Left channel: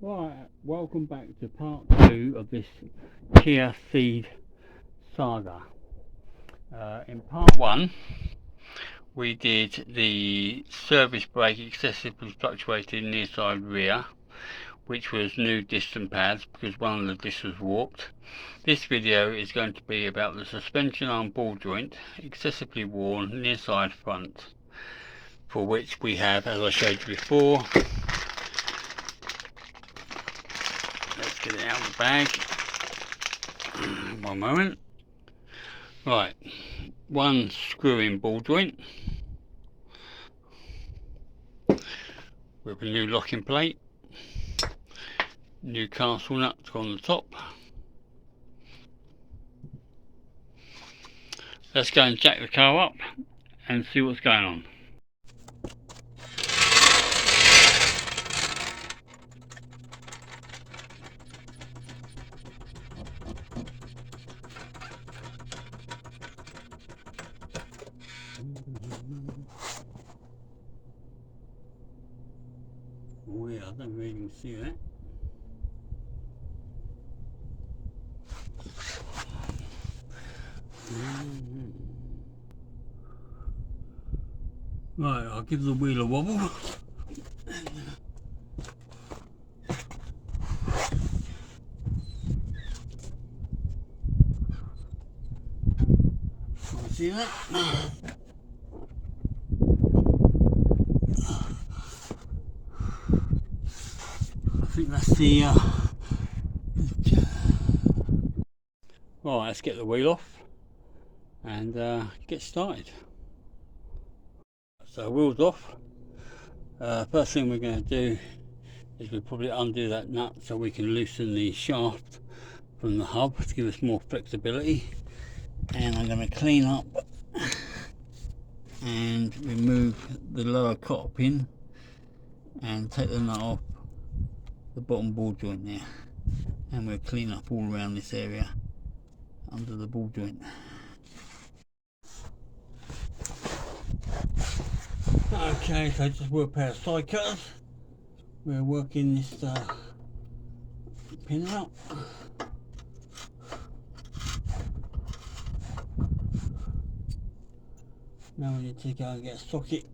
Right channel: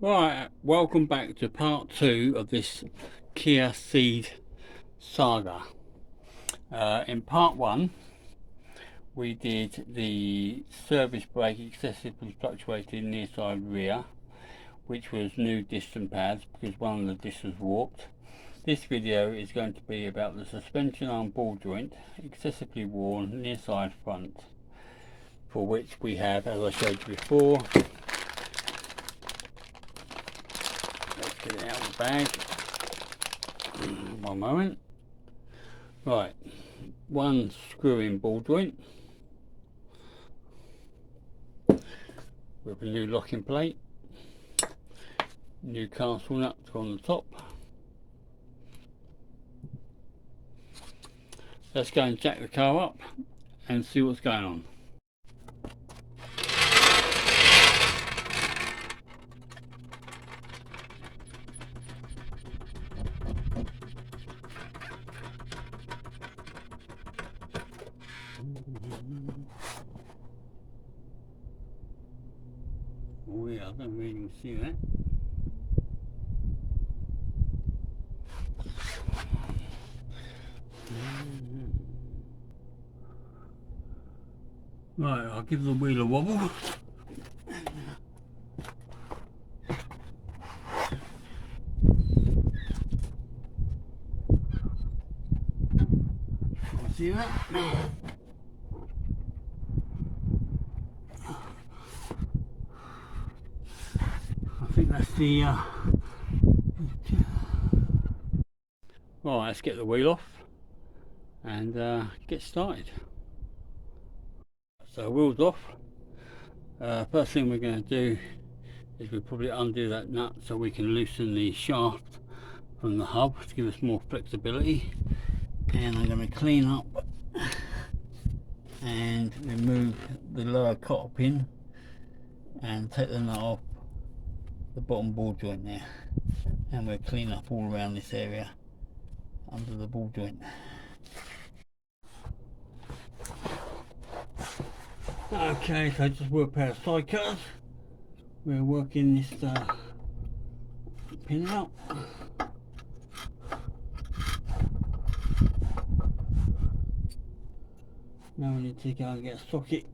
Right, welcome back to part 2 of this Kia CEED saga. In part 1 we did the service brake excessively fluctuated nearside rear, which was new disc pads because one of the discs was warped. This video is going to be about the suspension arm ball joint, excessively worn nearside front, for which we have, as I showed you before, let's get it out of the bag. One moment. Right, one screw-in ball joint with a new locking plate, new castle nut on the top. Let's go and jack the car up and see what's going on. Oh yeah, I don't really see that. Right, I'll give the wheel a wobble. See that? I think that's the right, let's get the wheel off and get started. So wheels off. First thing we're going to do is we'll probably undo that nut so we can loosen the shaft from the hub to give us more flexibility. And I'm going to clean up and remove the lower cotter pin and take the nut off the bottom ball joint there, and we'll clean up all around this area under the ball joint. Okay, so just with a pair of side cutters we're working this pin out. Now we need to go and get a socket,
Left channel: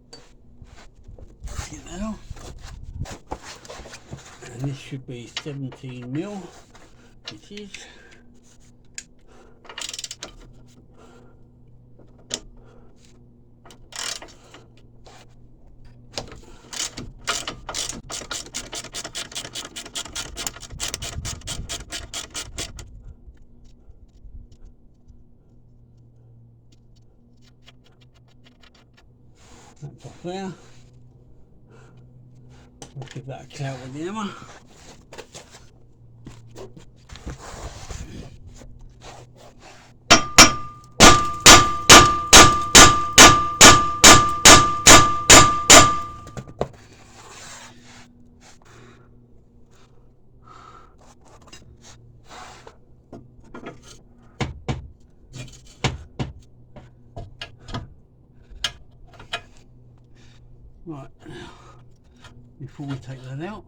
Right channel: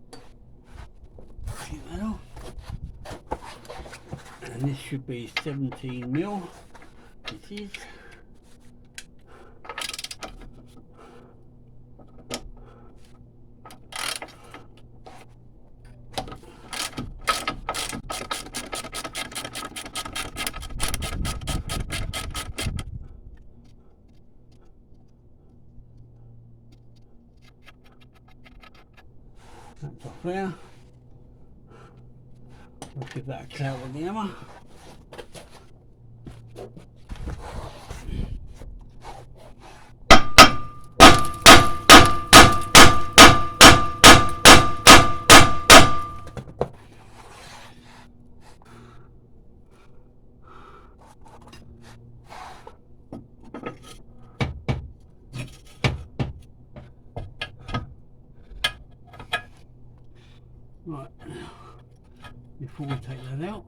get that off, and this should be 17mm. It is. That's off there. We'll give that a clout with the hammer. Right, before we take that out,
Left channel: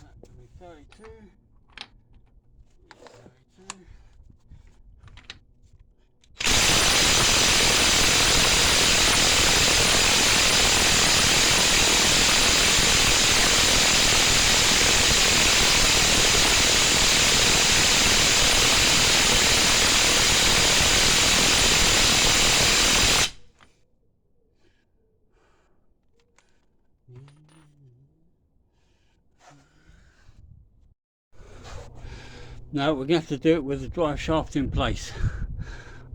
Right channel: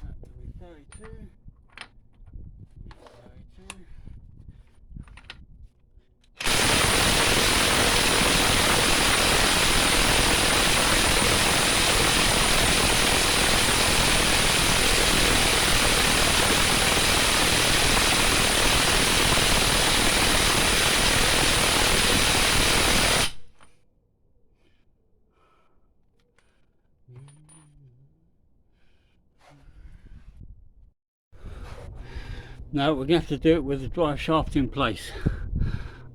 that will be 32. 32. No, we're going to have to do it with the drive shaft in place.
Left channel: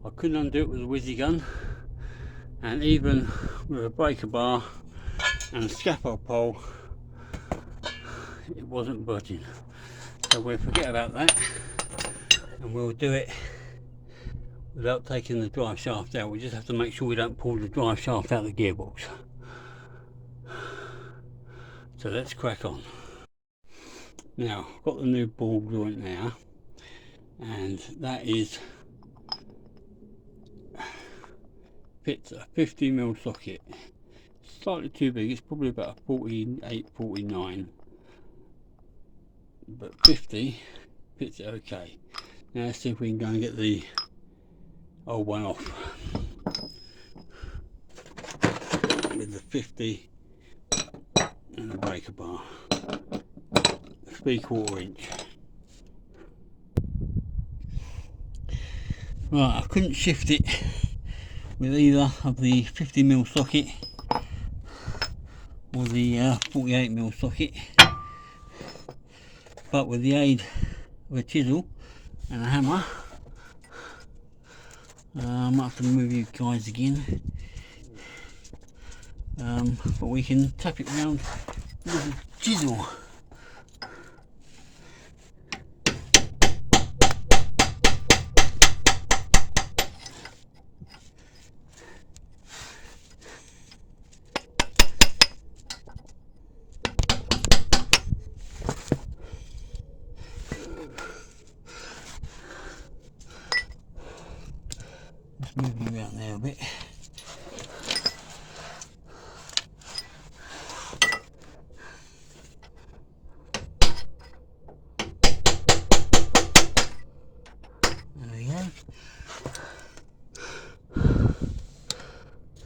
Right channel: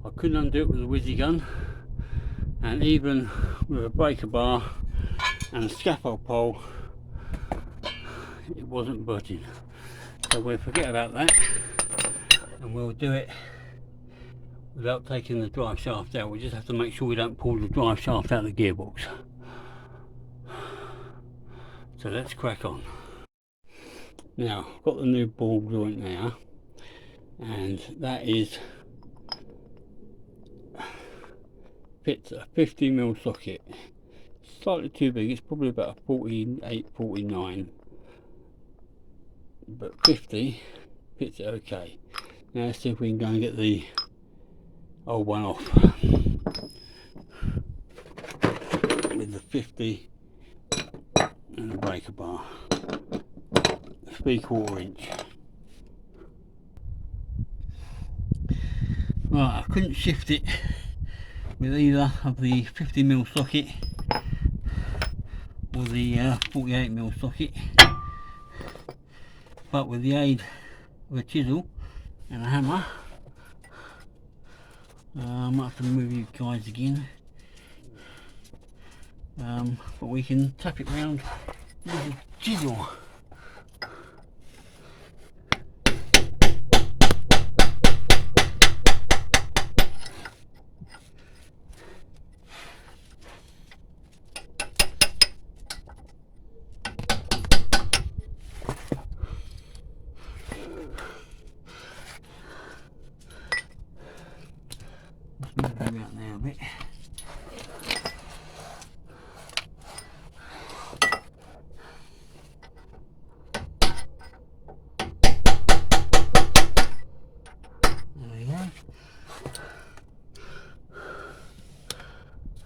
I couldn't undo it with a whizzy gun, and even with a breaker bar and a scaffold pole it wasn't budging. So we'll forget about that and we'll do it without taking the drive shaft out. We just have to make sure we don't pull the drive shaft out of the gearbox. So let's crack on. Now I've got the new ball joint now, and that is fits a 50mm socket slightly too big. It's probably about a 48, 49, but 50 fits it okay. Now let's see if we can go and get the old one off with the 50 and the breaker bar. 3/4 inch. Right, I couldn't shift it with either of the 50mm socket or the 48mm socket, but with the aid of a chisel and a hammer, I might have to move you guys again, but we can tap it around with a chisel. Let's move it around there a bit.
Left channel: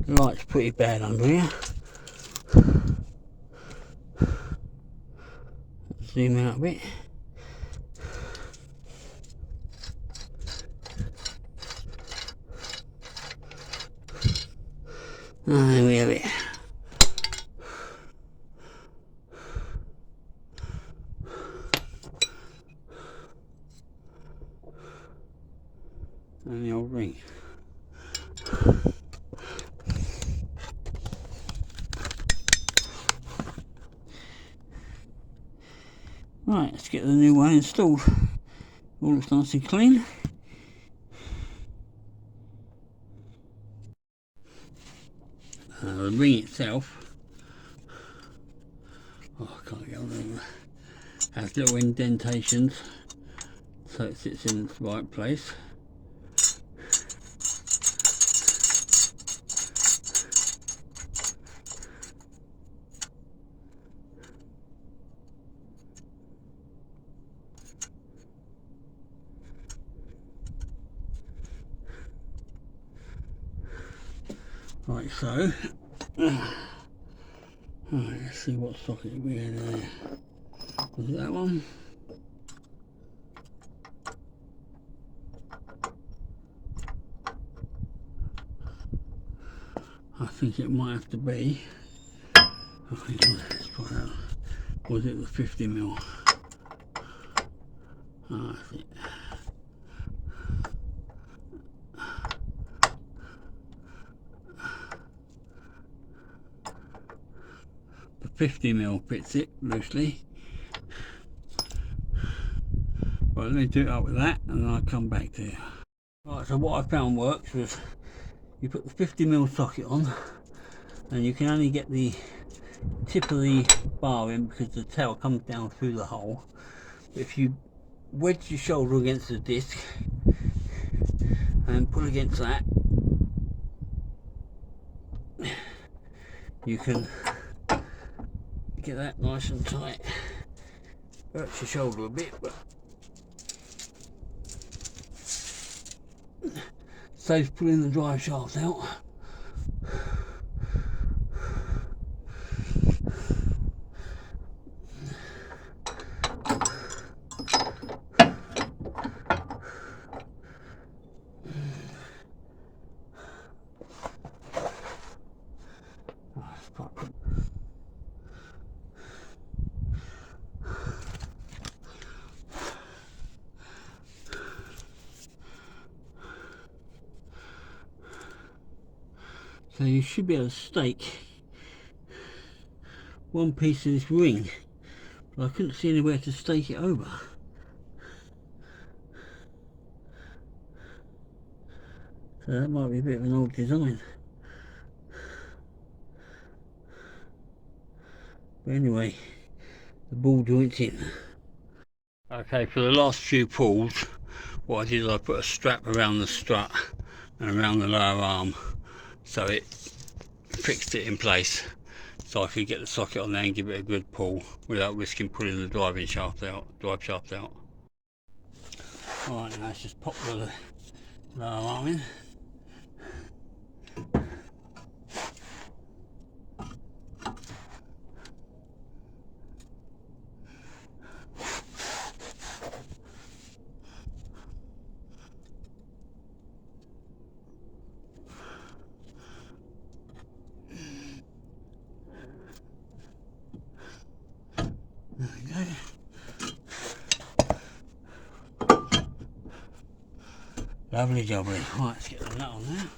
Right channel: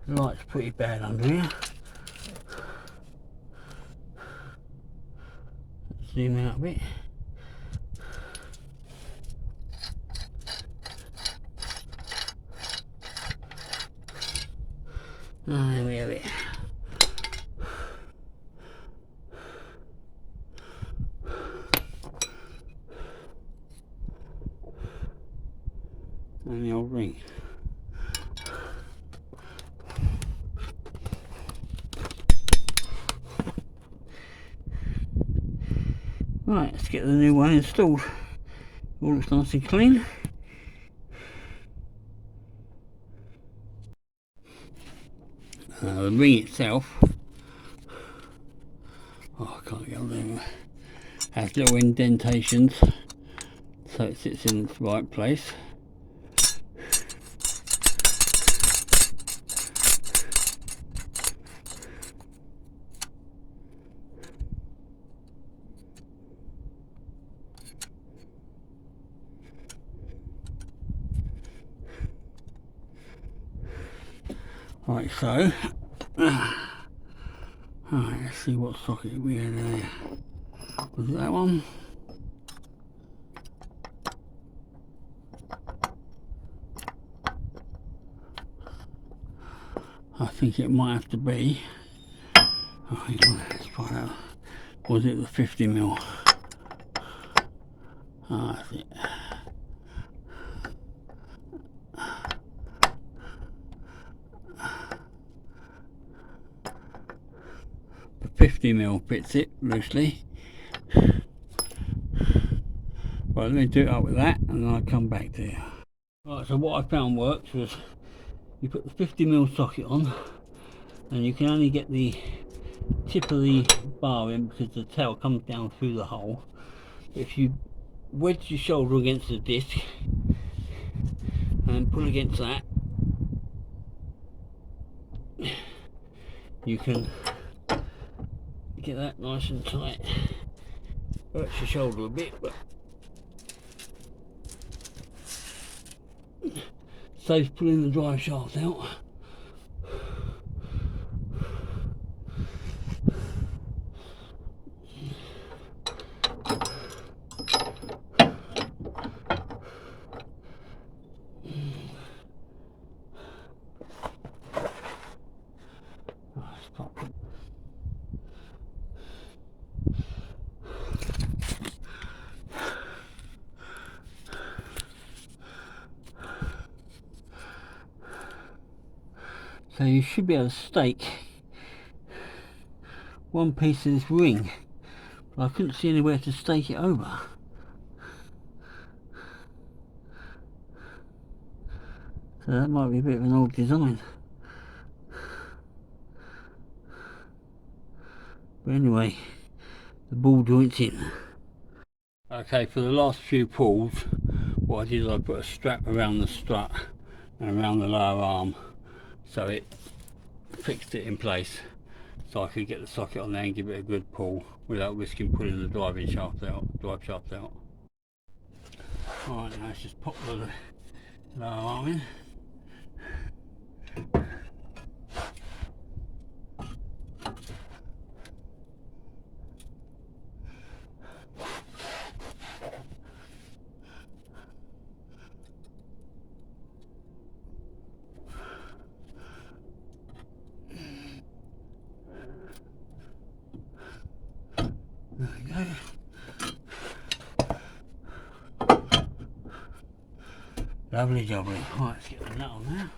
The light's pretty bad under here. Zoom out a bit. Oh, there we have it. And the old ring. Right, let's get the new one installed. All looks nice and clean. The ring itself, oh, I can't get on there, has little indentations so it sits in its right place. Right, so alright, let's see what socket we had there. Was it that one? I think it might have to be. Oh, hang on, let's find out. Was it the 50mm? Oh, that's it. The 50mm fits it loosely. Right, let me do it up with that and then I'll come back to you. Right, so what I found works was you put the 50mm socket on and you can only get the tip of the bar in because the tail comes down through the hole. But if you wedge your shoulder against the disc and pull against that, you can get that nice and tight. Hurts your shoulder a bit, but saves pulling the drive shaft out. So you should be able to stake one piece of this ring, but I couldn't see anywhere to stake it over. So that might be a bit of an old design. But anyway, the ball joint's in. Okay, for the last few pulls, what I did is I put a strap around the strut and around the lower arm, so it fixed it in place. so I could get the socket on there and give it a good pull without risking pulling the drive shaft out. Alright, now let's just pop the lower arm in. There we go. Lovely jubbly. Right, let's get the nut on there.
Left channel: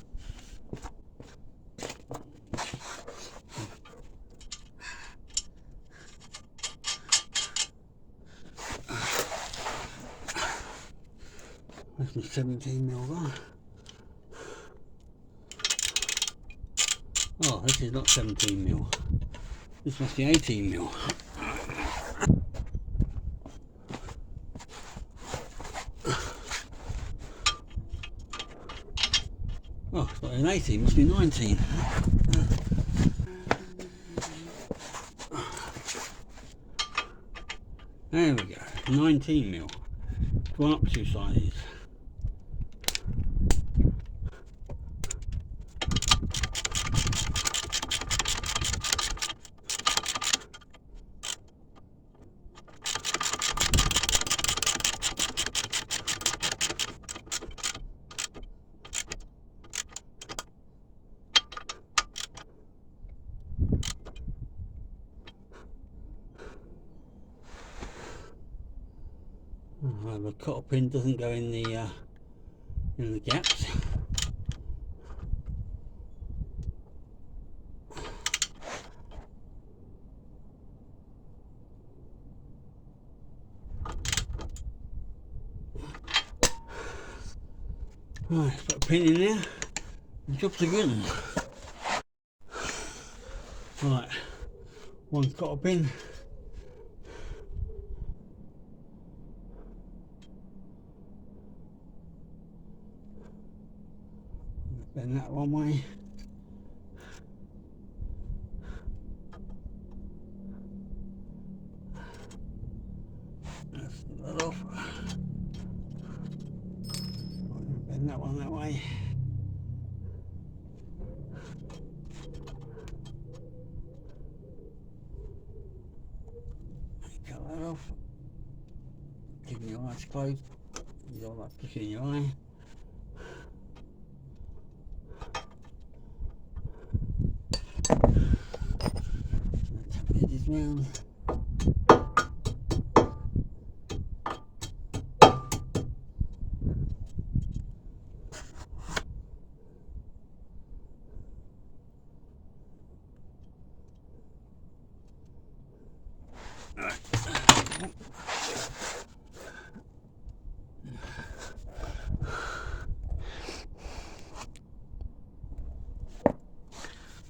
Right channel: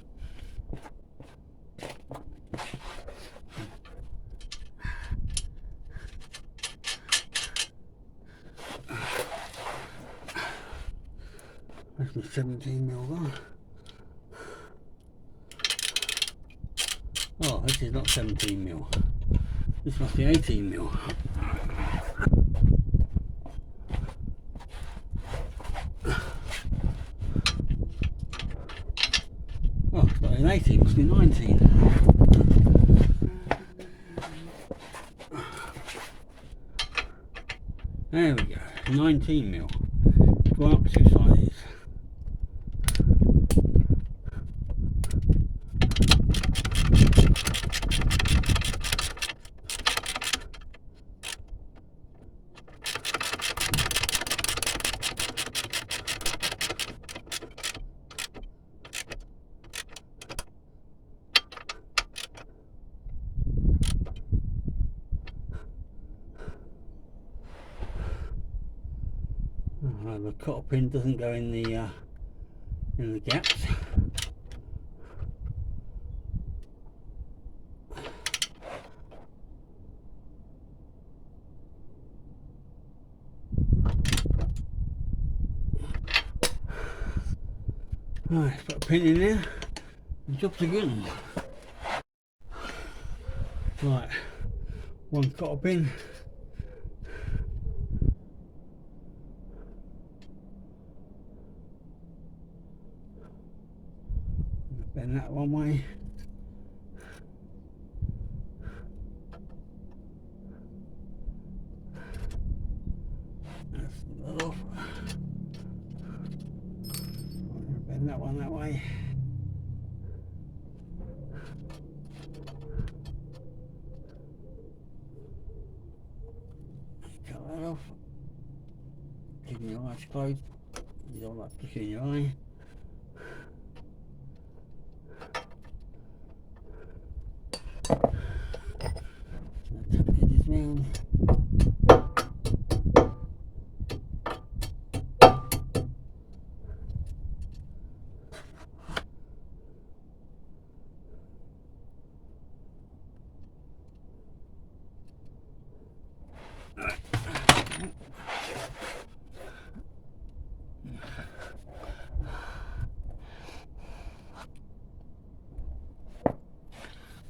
Where's my 17mm gone? Oh, this is not 17mm. This must be 18mm. Oh, it's not an 18, it must be 19. There we go, 19mm. Gone up 2 sizes. The cotter pin doesn't go in the gaps. Right, put a pin in there. The job's a good one. Right, one cotter pin. Bend that one way. That's that off. Bend that one that way. Cut that off. Keeping your eyes closed. You don't like pushing your eye. Tap the edges round.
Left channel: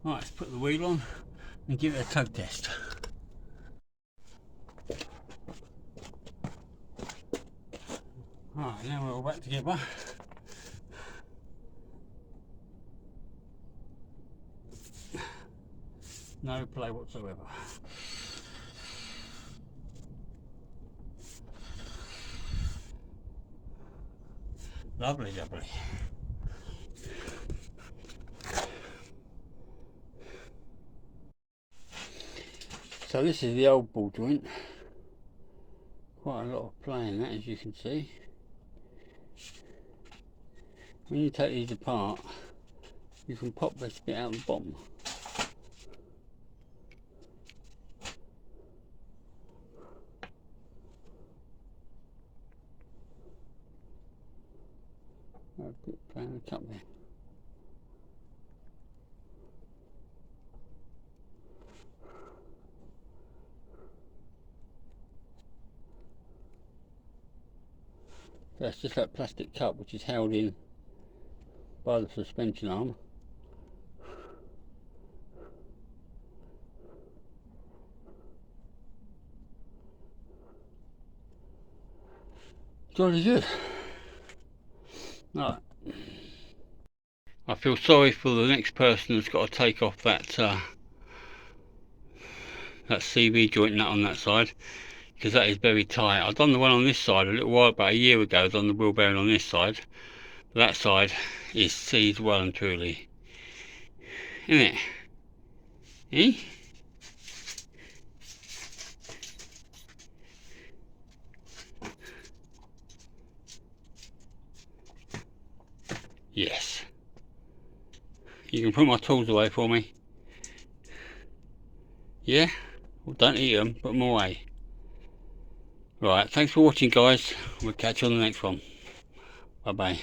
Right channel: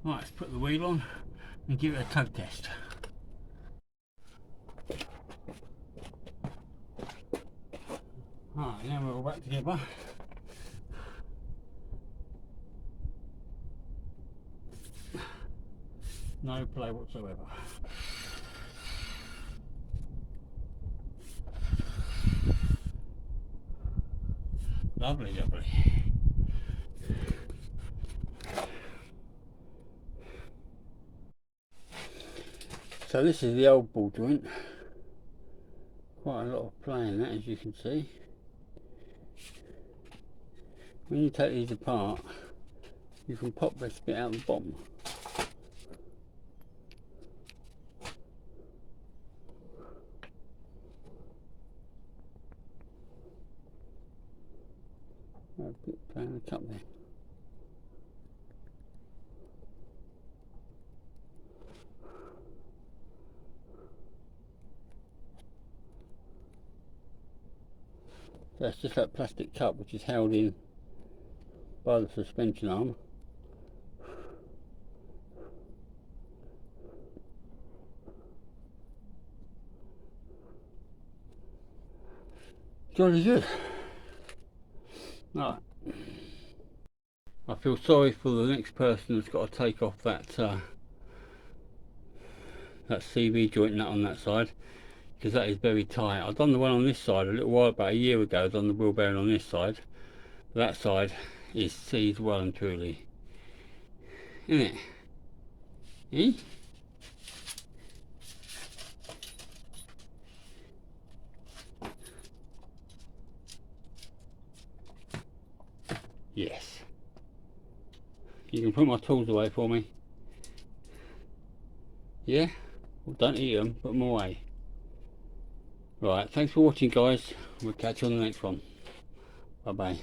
Right, let's put the wheel on and give it a toe test. Right, now we're all back together. No play whatsoever. Lovely, lovely. So this is the old ball joint. Quite a lot of play in that, as you can see. When you take these apart, you can pop this bit out the bottom. A bit playing the cup there. So that's just that plastic cup which is held in by the suspension arm. Jolly good. Right. I feel sorry for the next person that's got to take off that that CV joint nut on that side, because that is very tight. I've done the one on this side a little while, about a year ago. I've done the wheel bearing on this side, but that side is seized well and truly, isn't it? Eh? Yes. You can put my tools away for me. Yeah? Well, don't eat them, put them away. Right, thanks for watching, guys. We'll catch you on the next one. Bye bye.